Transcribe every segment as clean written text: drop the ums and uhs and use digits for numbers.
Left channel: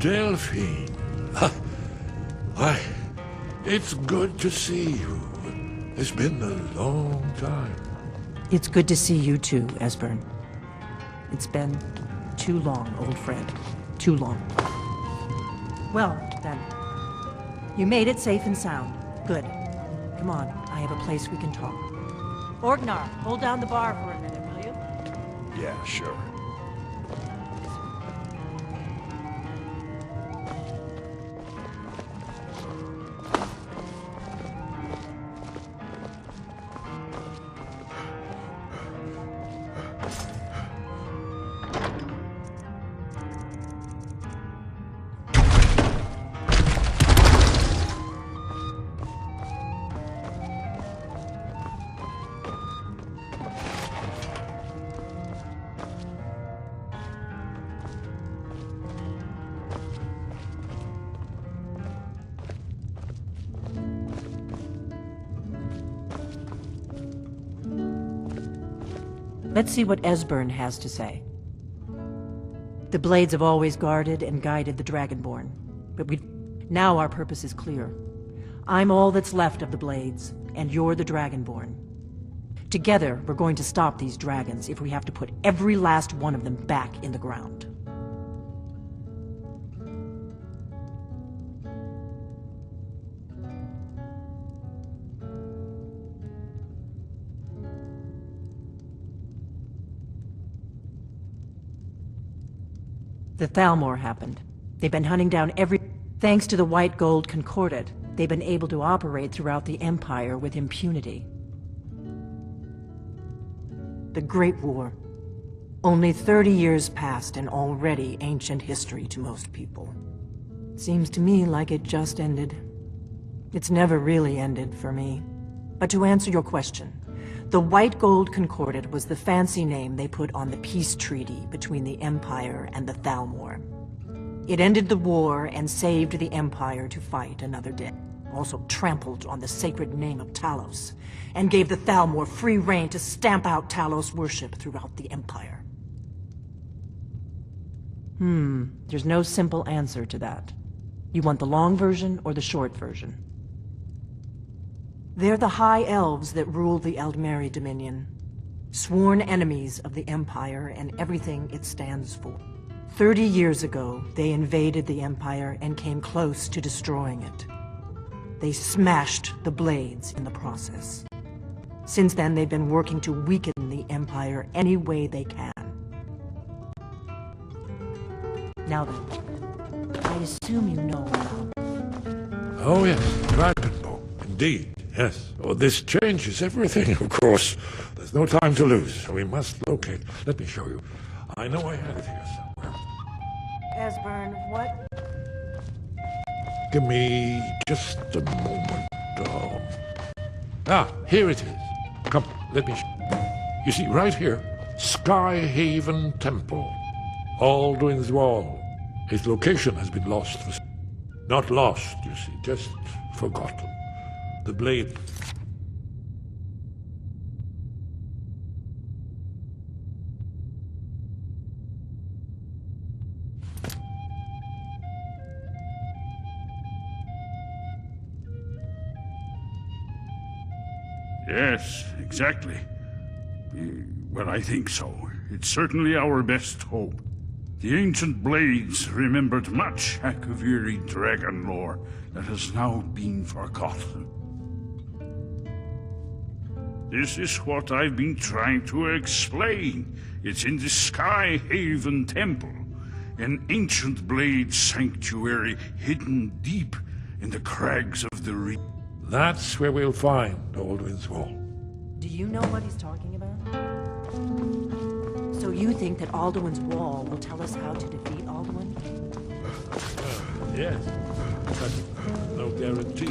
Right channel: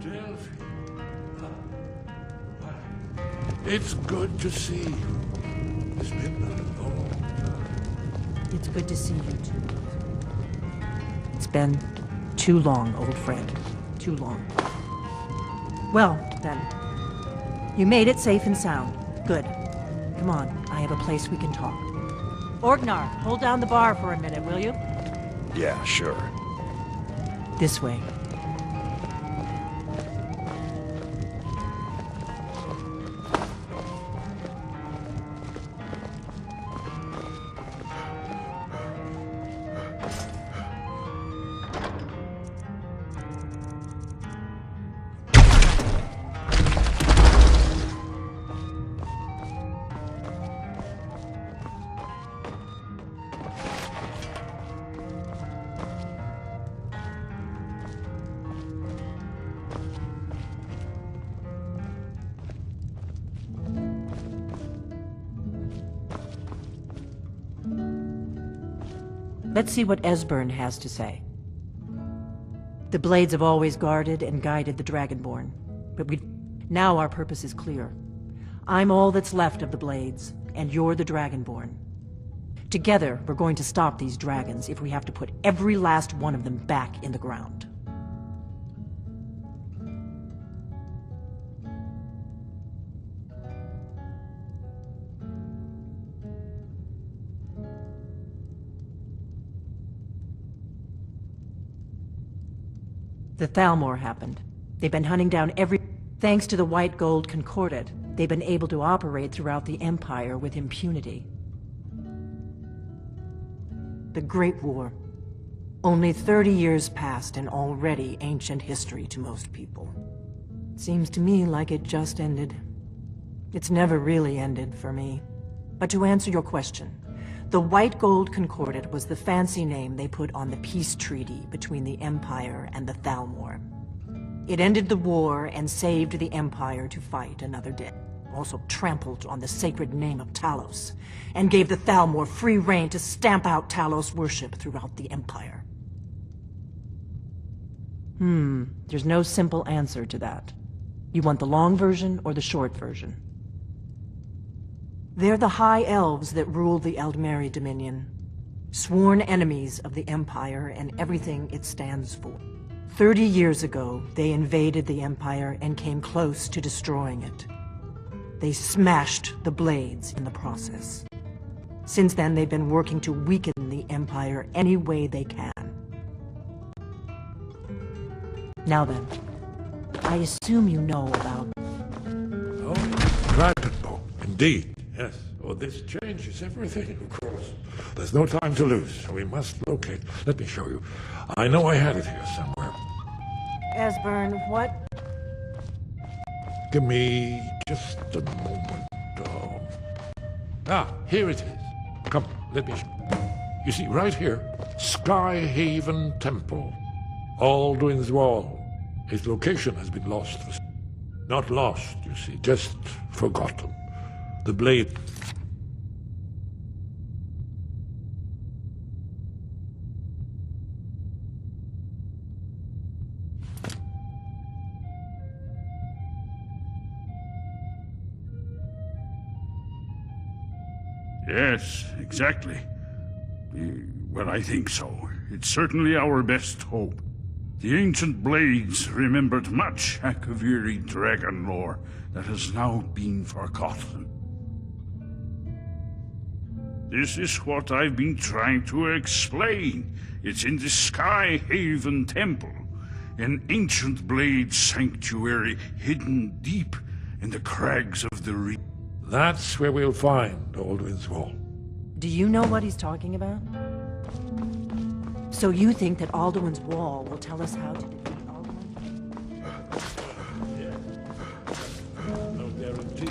Delphine. Why, it's good to see you. It's been a long time. It's good to see you too, Esbern. It's been too long, old friend. Too long. Well, then. You made it safe and sound. Good. Come on, I have a place we can talk. Orgnar, hold down the bar for a minute, will you? Yeah, sure. This way. Let's see what Esbern has to say. The Blades have always guarded and guided the Dragonborn, but now our purpose is clear. I'm all that's left of the Blades, and you're the Dragonborn. Together, we're going to stop these dragons if we have to put every last one of them back in the ground. The Thalmor happened. They've been hunting down Thanks to the White Gold Concordat, they've been able to operate throughout the Empire with impunity. The Great War. Only 30 years passed and already ancient history to most people. Seems to me like it just ended. It's never really ended for me. But to answer your question, the White Gold Concordat was the fancy name they put on the peace treaty between the Empire and the Thalmor. It ended the war and saved the Empire to fight another day. Also trampled on the sacred name of Talos, and gave the Thalmor free rein to stamp out Talos worship throughout the Empire. There's no simple answer to that. You want the long version or the short version? They're the High Elves that rule the Eldmeri Dominion, sworn enemies of the Empire and everything it stands for. 30 years ago, they invaded the Empire and came close to destroying it. They smashed the Blades in the process. Since then, they've been working to weaken the Empire any way they can. Now then, I assume you know about... Oh yes, Dragonbow, indeed. Yes. Oh, this changes everything, of course. There's no time to lose. We must locate. Let me show you. I know I had it here somewhere. Esbern, what? Give me just a moment. Here it is. Come, let me You see, right here, Skyhaven Temple. Alduin's Wall. Its location has been lost. Not lost, you see, just forgotten. The blade... Yes, exactly. Well, I think so. It's certainly our best hope. The ancient Blades remembered much Akaviri dragon lore that has now been forgotten. This is what I've been trying to explain. It's in the Skyhaven Temple, an ancient Blade sanctuary hidden deep in the crags of the reef. That's where we'll find Alduin's Wall. Do you know what he's talking about? So you think that Alduin's Wall will tell us how to defeat Alduin? Yes. But no guarantee.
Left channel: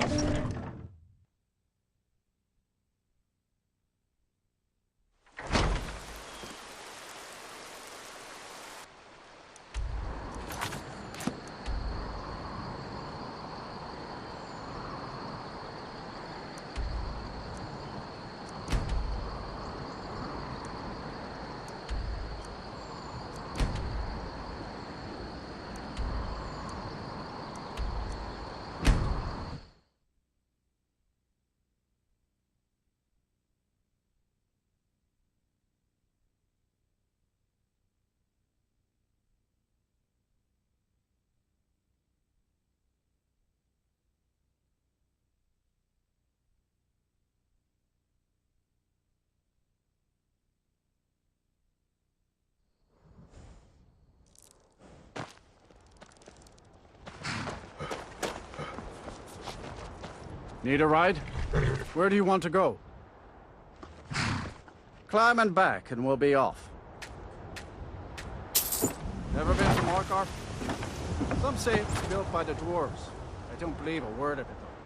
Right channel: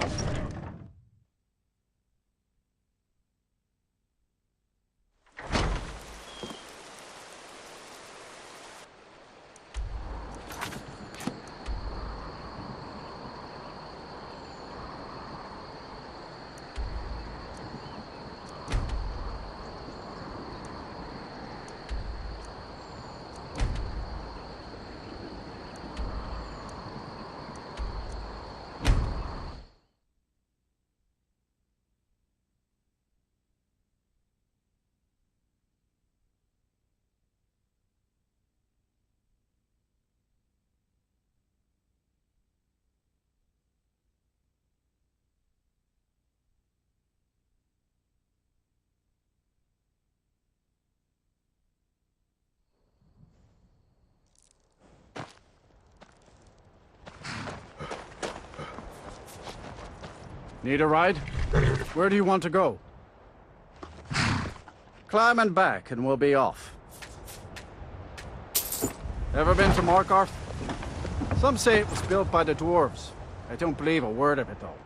Need a ride? Where do you want to go? Climb and back, and we'll be off. Ever been to Markarth? Some say it was built by the dwarves. I don't believe a word of it, though.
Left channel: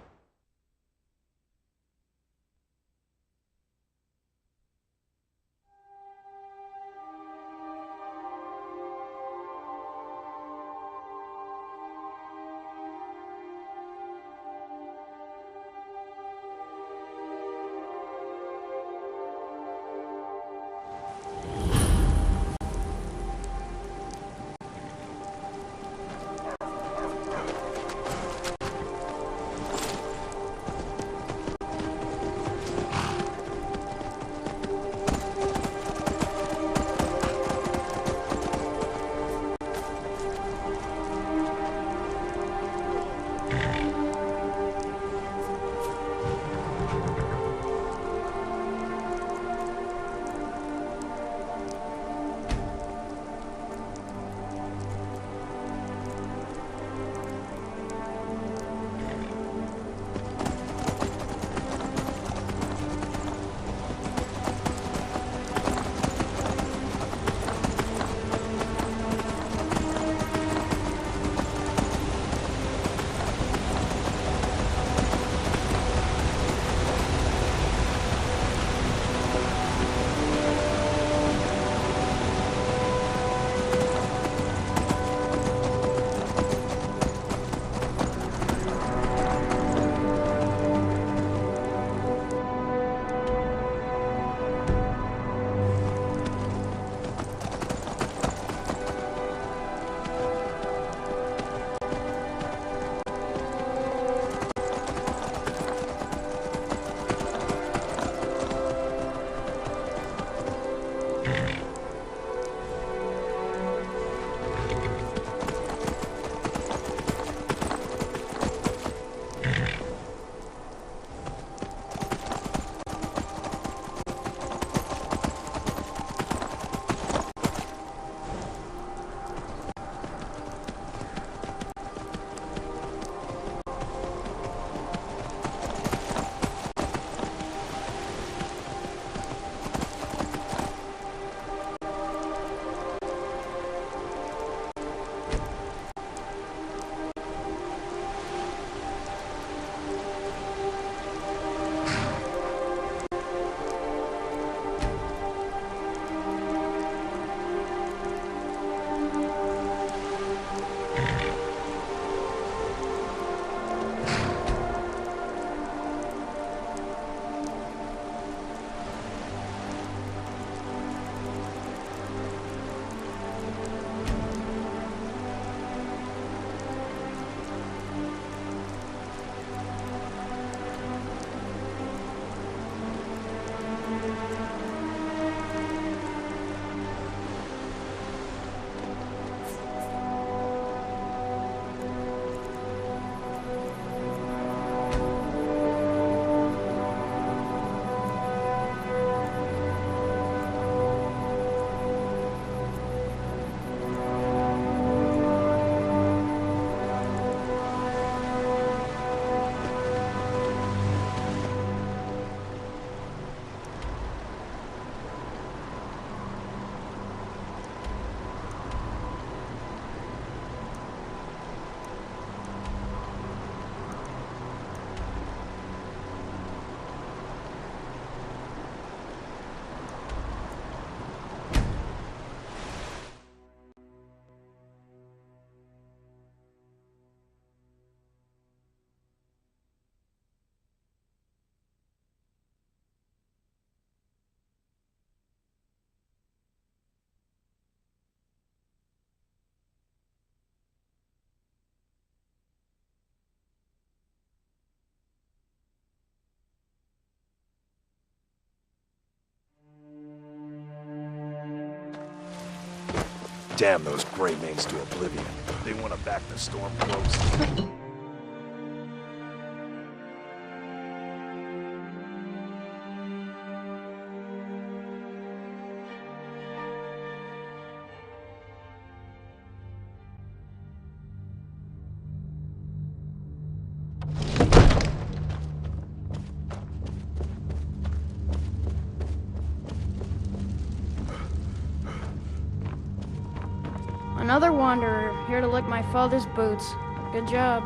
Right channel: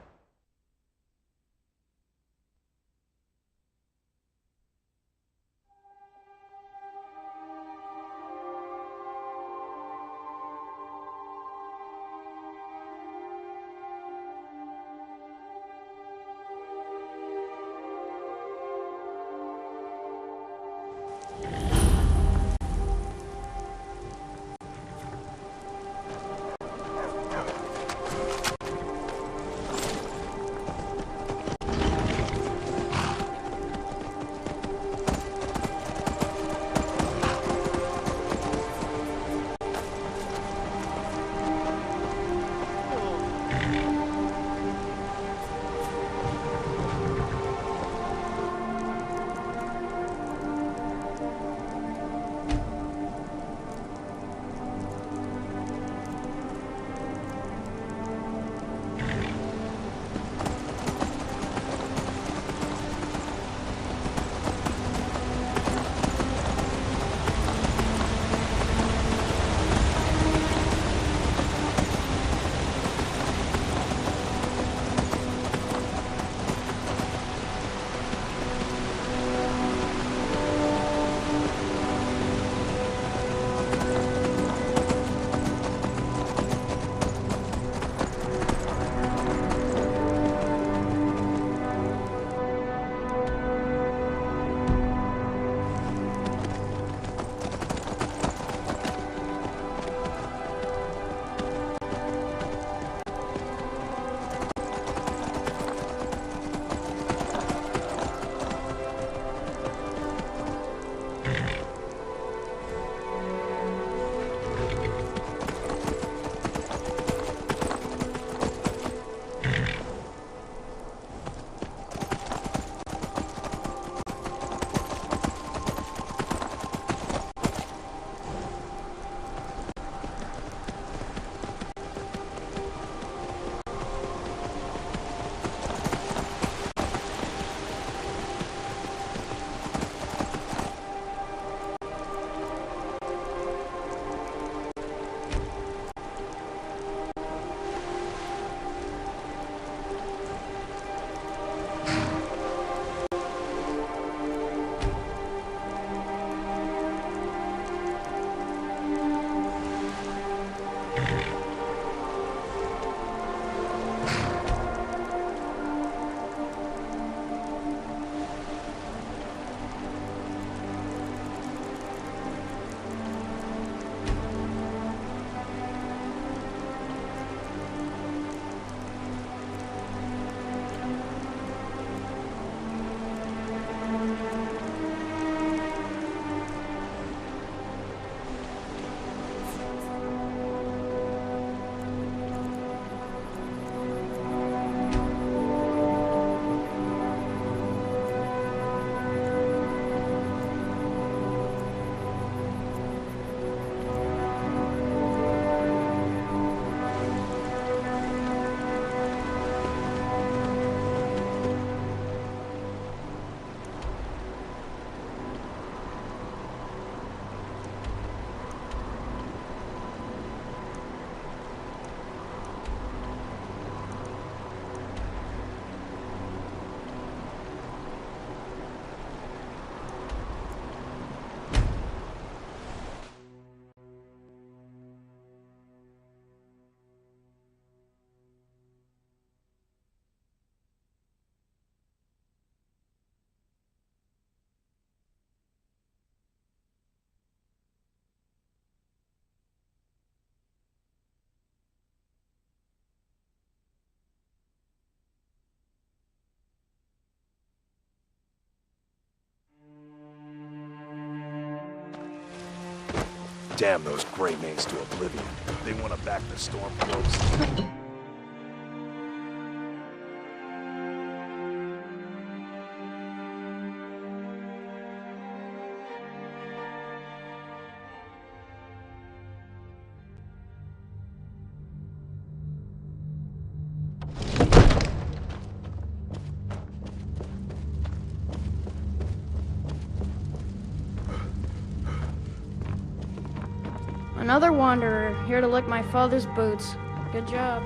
Another wanderer, here to lick my father's boots. Good job.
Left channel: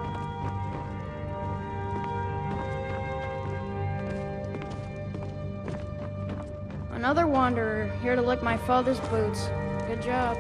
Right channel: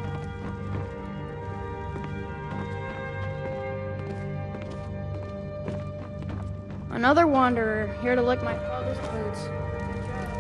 Another wanderer, here to lick my father's boots. Good job.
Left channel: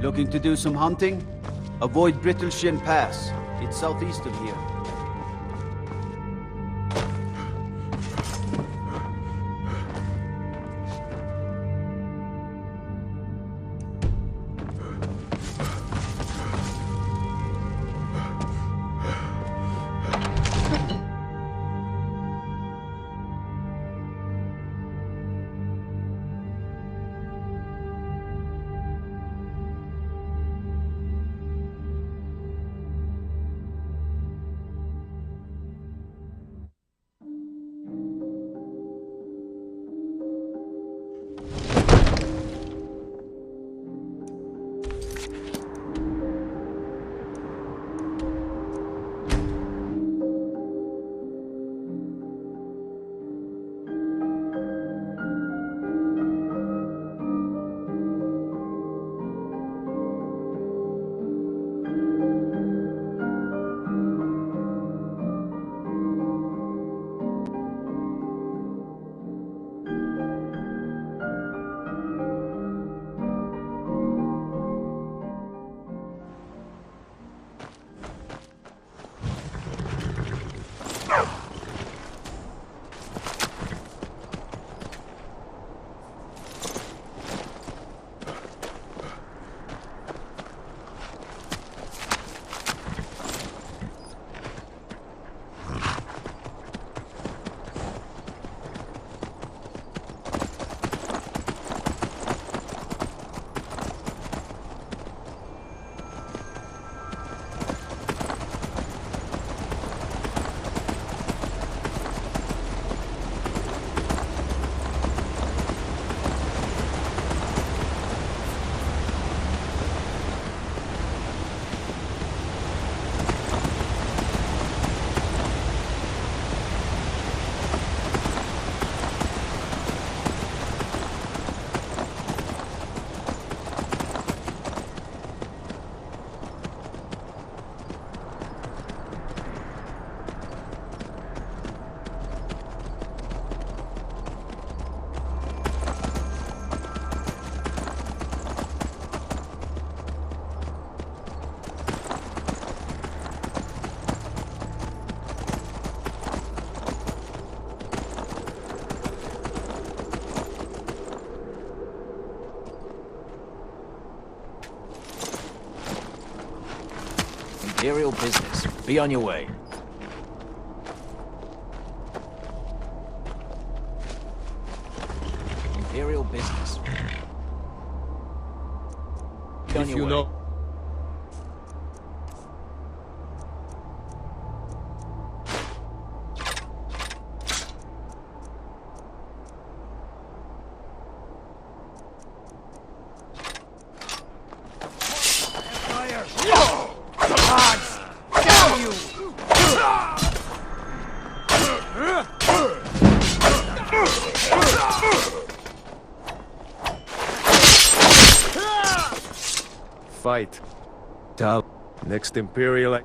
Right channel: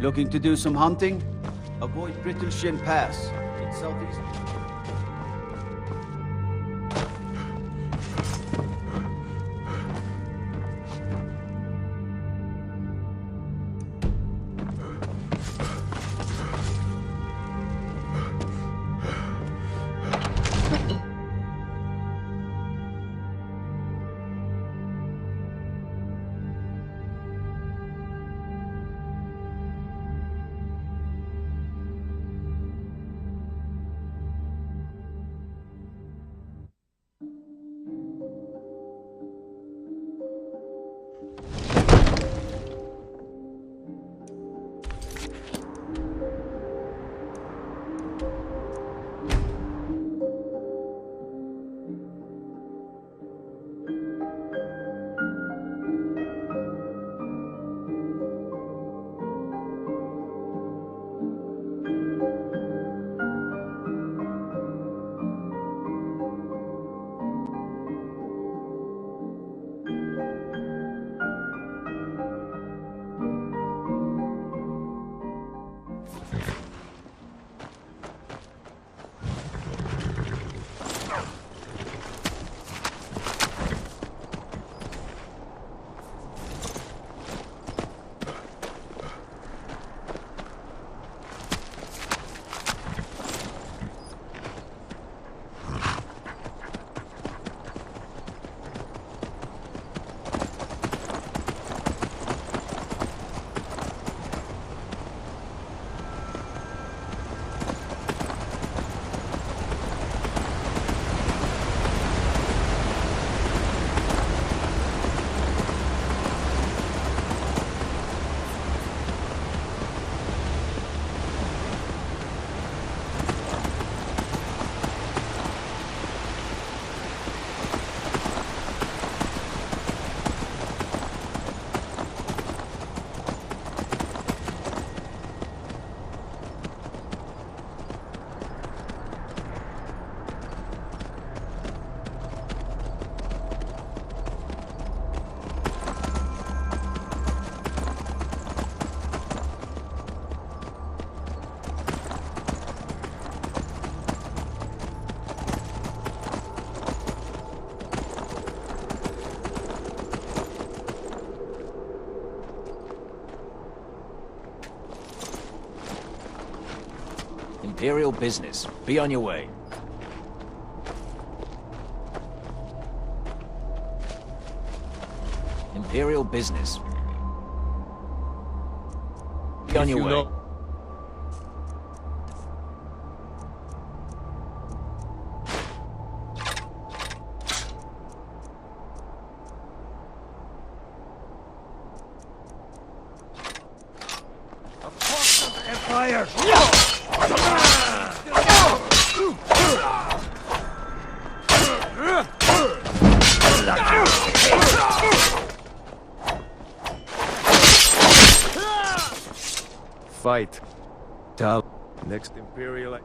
Looking to do some hunting? Avoid Brittleshin Pass. It's southeast of here. Imperial business. If you know... Empire! Fight. Tal. Next Imperial...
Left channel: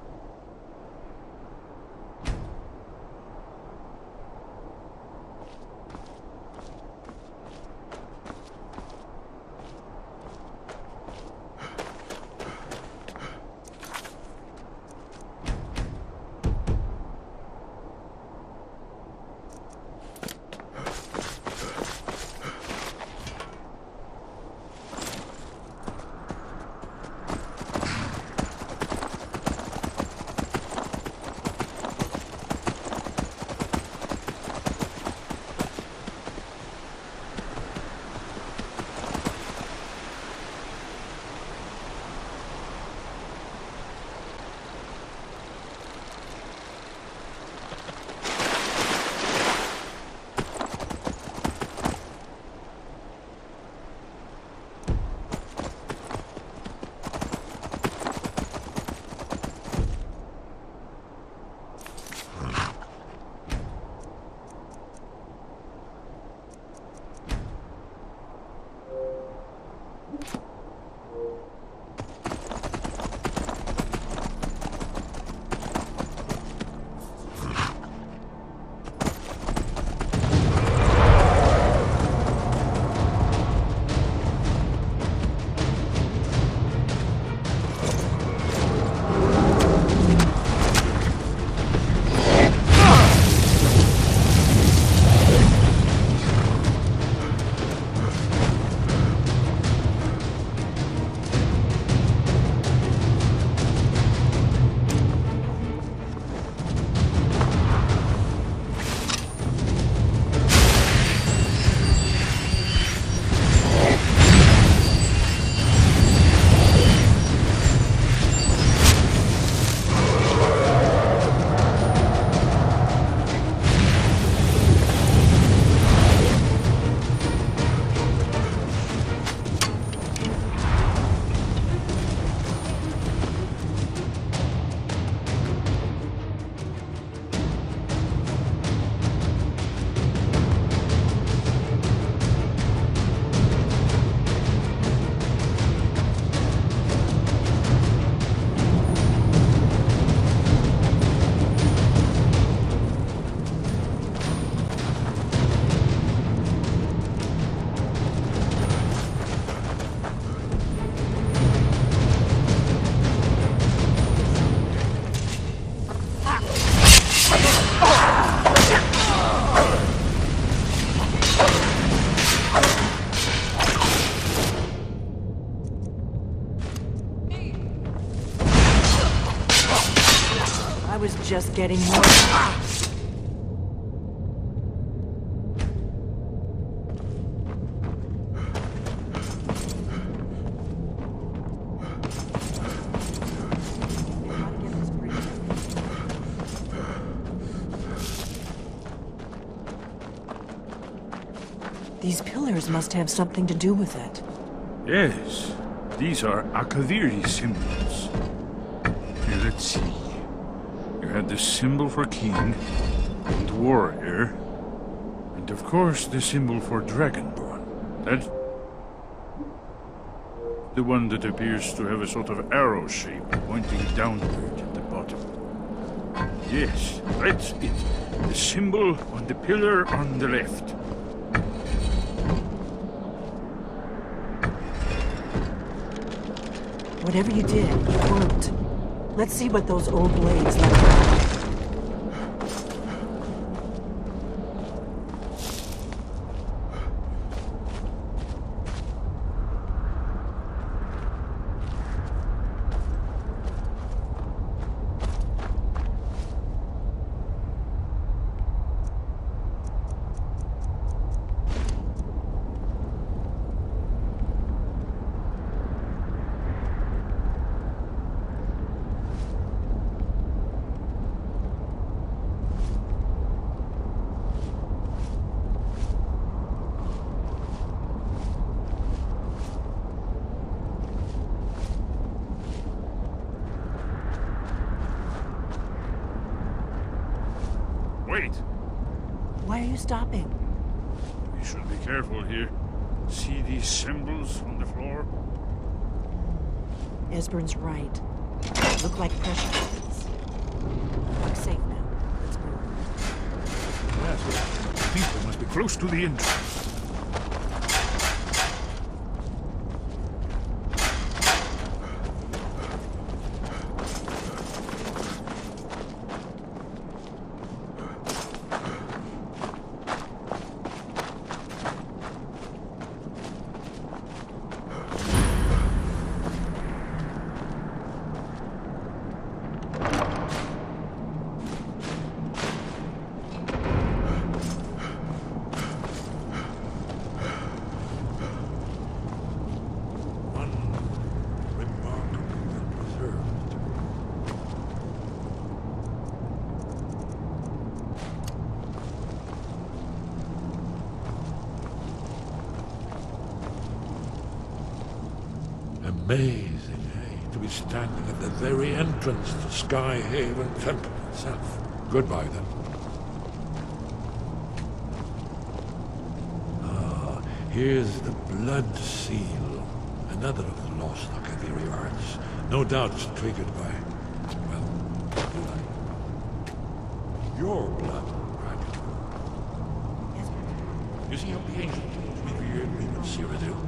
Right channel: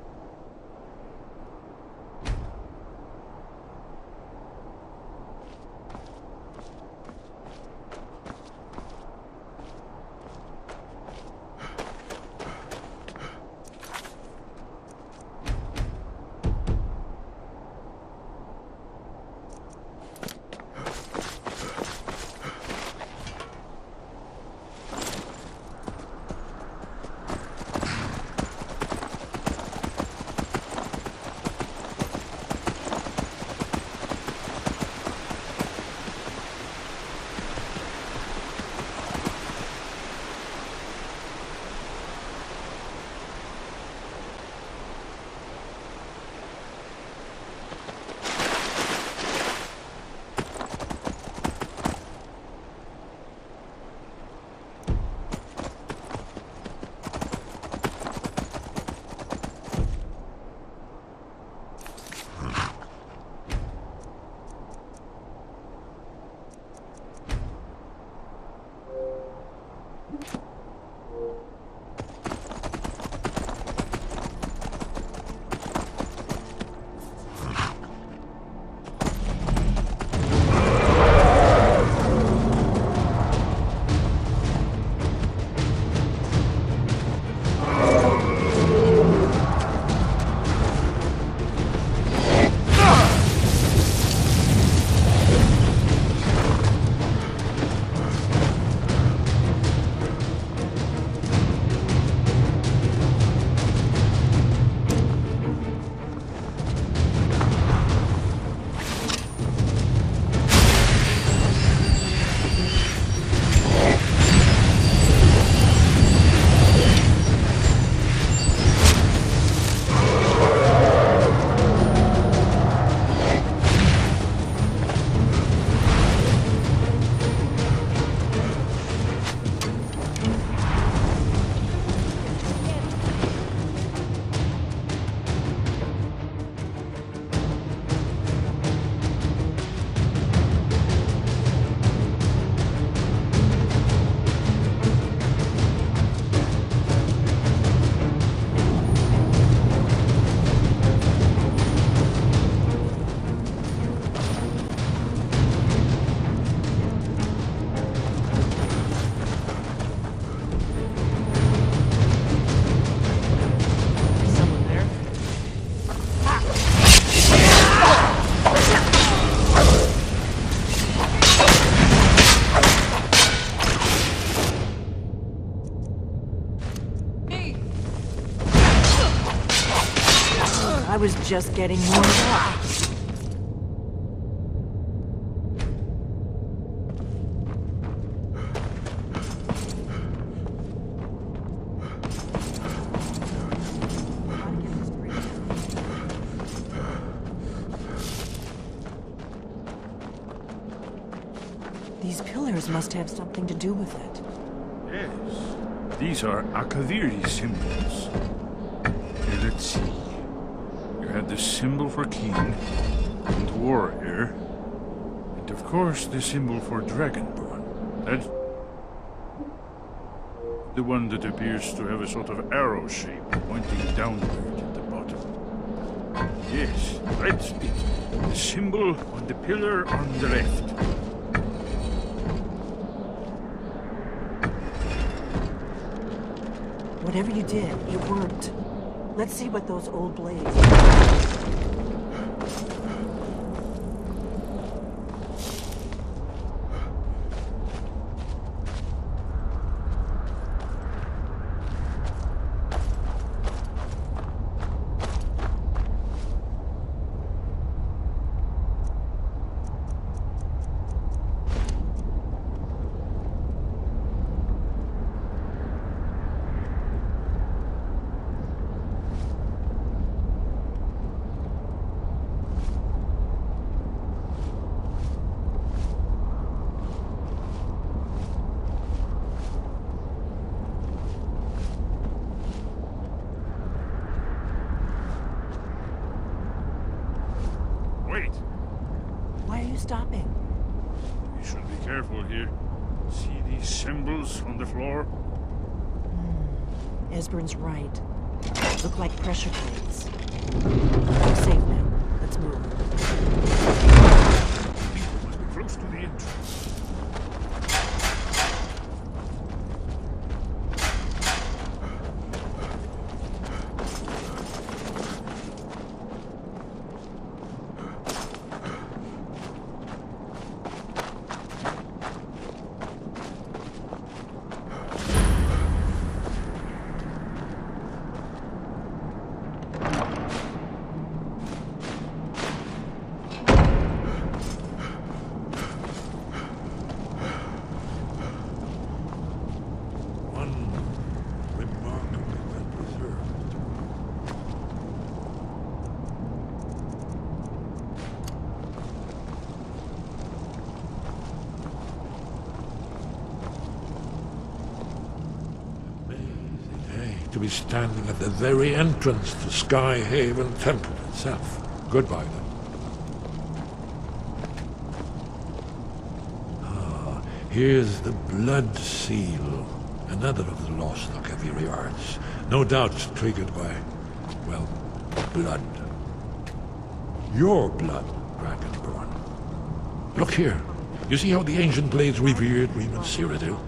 These pillars must have something to do with it. Yes, these are Akaviri symbols. You had the symbol for king, warrior, and of course the symbol for dragon. That the one that appears to have a sort of arrow shape down at the bottom. Yes, right. The symbol, the pillar, the left. Whatever you did, let's see what those old blades are. Wait, Why are you stopping? you should be careful here. See these symbols on the floor? This one's great. People must be close to the entrance. Amazing, eh? To be standing at the very entrance to Skyhaven Temple itself. Goodbye, then. Ah, here's the Blood Seal. Another of the lost Akaviri arts. No doubt triggered by, well, blood. Your blood, Dragonborn. Look here. You see how the ancient blades revered Reman Cyrodiil?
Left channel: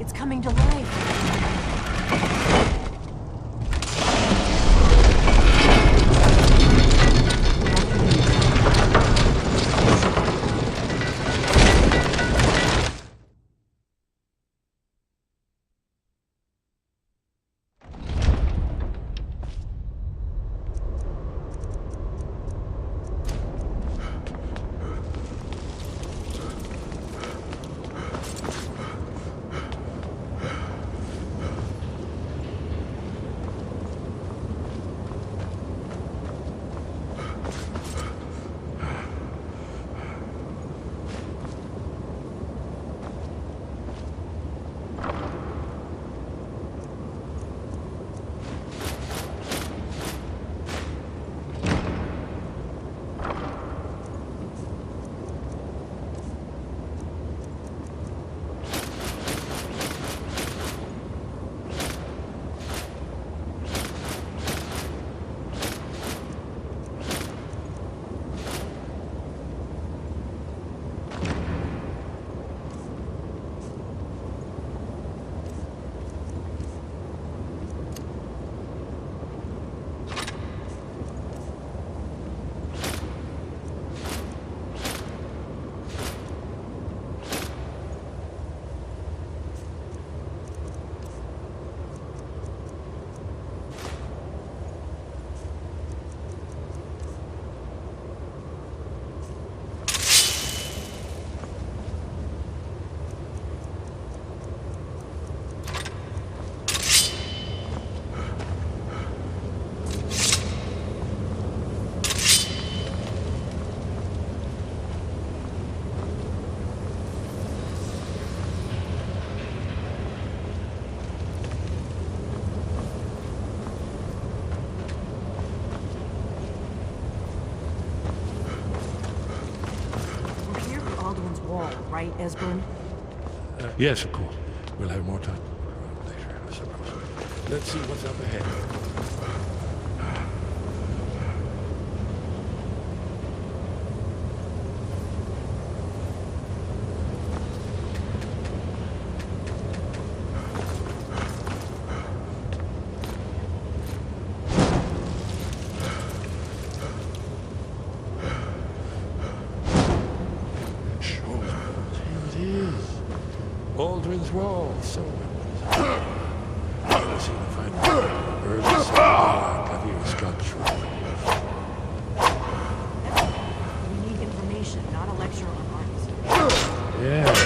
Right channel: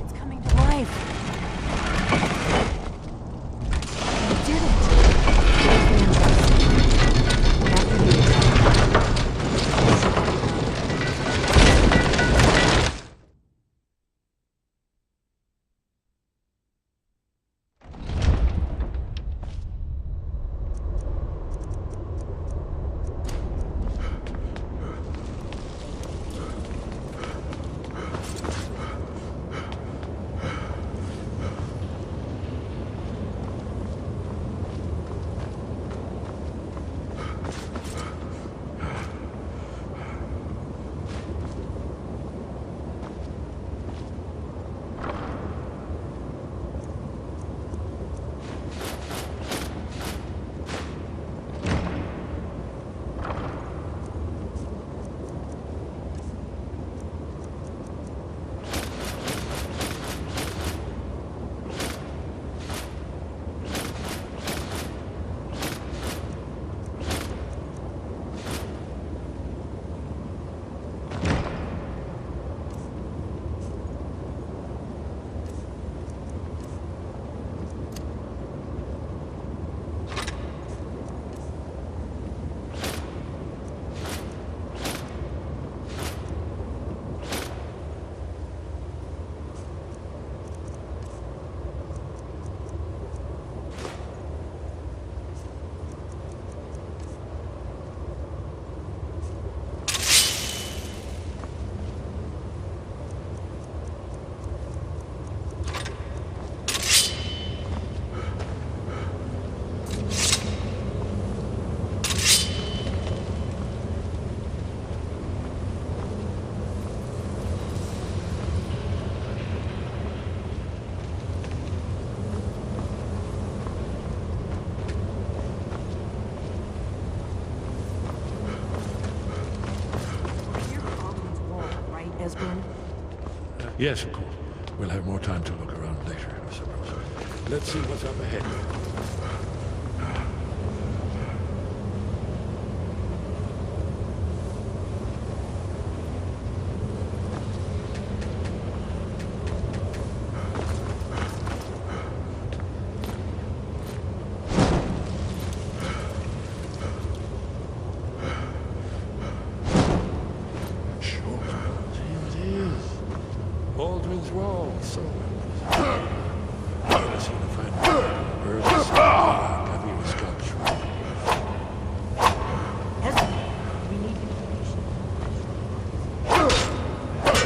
It's coming to life. right, Esbern? Yes, of course. We'll have more time to look around later. Sure, here it is. Esbern, we need information, not a lecture on arts. Yeah.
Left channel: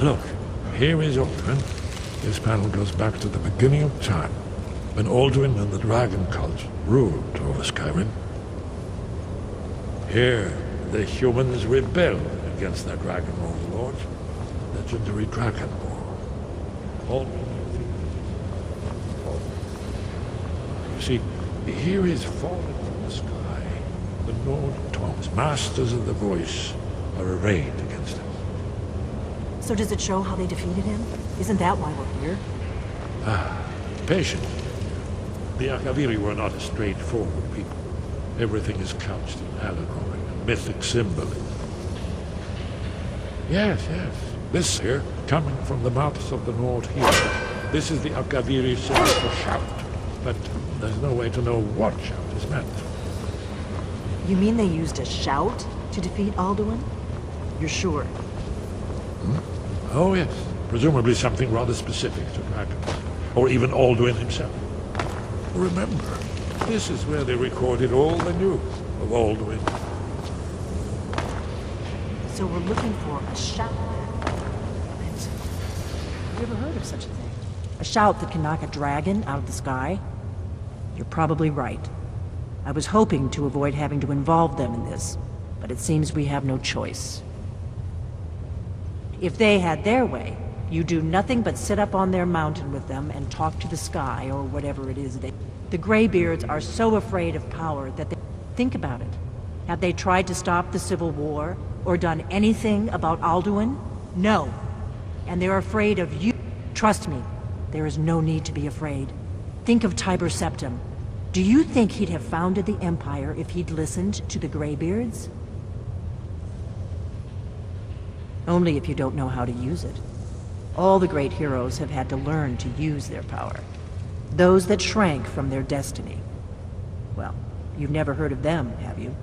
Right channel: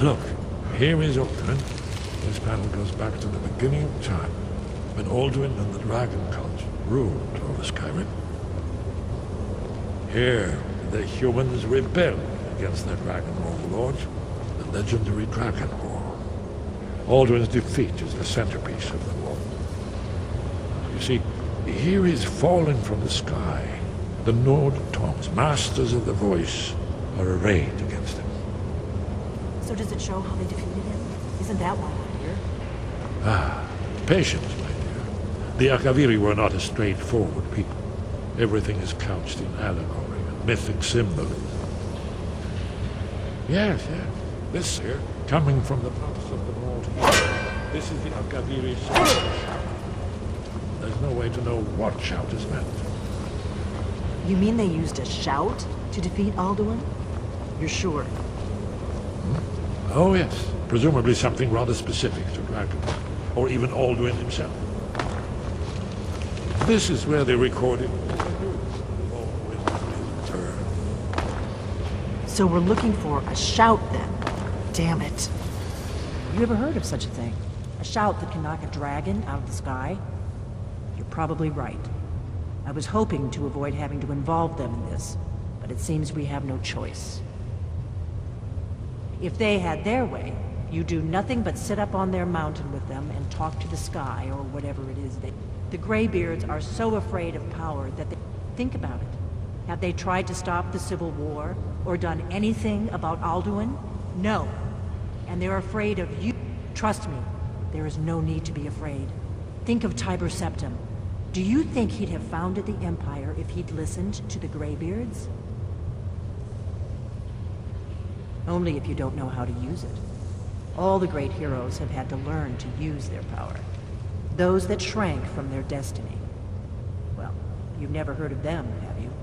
Look, here is Alduin. This panel goes back to the beginning of time, when Alduin and the Dragon Cult ruled over Skyrim. Here, the humans rebelled against their dragon overlords, the legendary Dragon War. Alduin's defeat is the centerpiece of the war. You see, here is fallen from the sky. The Nord Tongs, masters of the voice, are arrayed against him. So does it show how they defeated him? Isn't that why we're here? Patience, my dear. The Akaviri were not a straightforward people. Everything is couched in allegory and mythic symbolism. Yes, yes. This here, coming from the mouths of the Nord here. This is the Akaviri shout. But there's no way to know what shout is meant. Oh, yes. Presumably something rather specific to dragons. Or even Alduin himself. Remember, this is where they recorded all the news of Alduin's return. So we're looking for a shout then. Damn it. Have you ever heard of such a thing? A shout that can knock a dragon out of the sky? You're probably right. I was hoping to avoid having to involve them in this, but it seems we have no choice. If they had their way, you do nothing but sit up on their mountain with them and talk to the sky or whatever it is they... The Greybeards are so afraid of power that they... Think about it. Have they tried to stop the Civil War or done anything about Alduin? No. And they're afraid of you. Trust me, there is no need to be afraid. Think of Tiber Septim. Do you think he'd have founded the Empire if he'd listened to the Greybeards? Only if you don't know how to use it. All the great heroes have had to learn to use their power. Those that shrank from their destiny. Well, you've never heard of them, have you?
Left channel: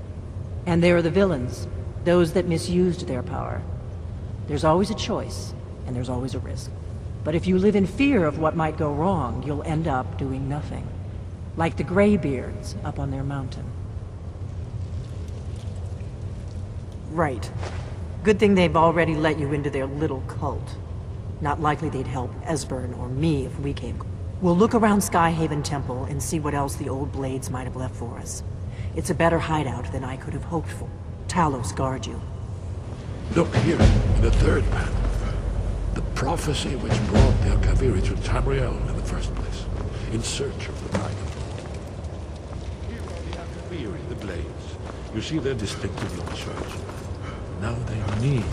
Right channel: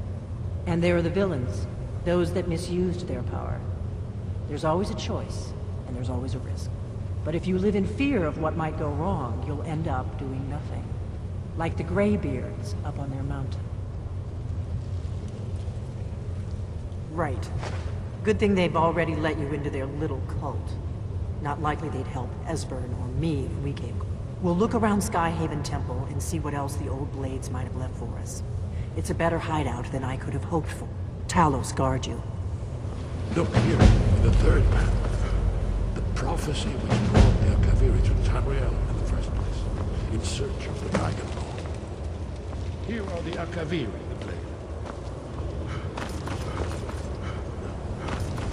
And there are the villains, those that misused their power. There's always a choice, and there's always a risk. But if you live in fear of what might go wrong, you'll end up doing nothing. Like the Greybeards up on their mountain. Right. Good thing they've already let you into their little cult. Not likely they'd help Esbern or me if we came. We'll look around Skyhaven Temple and see what else the old blades might have left for us. It's a better hideout than I could have hoped for. Talos guard you. Look here, the prophecy of the Akaviri to Tamriel in the first place, in search of the Here are the Akaviri, the blades. You see their distinctive features. Now they need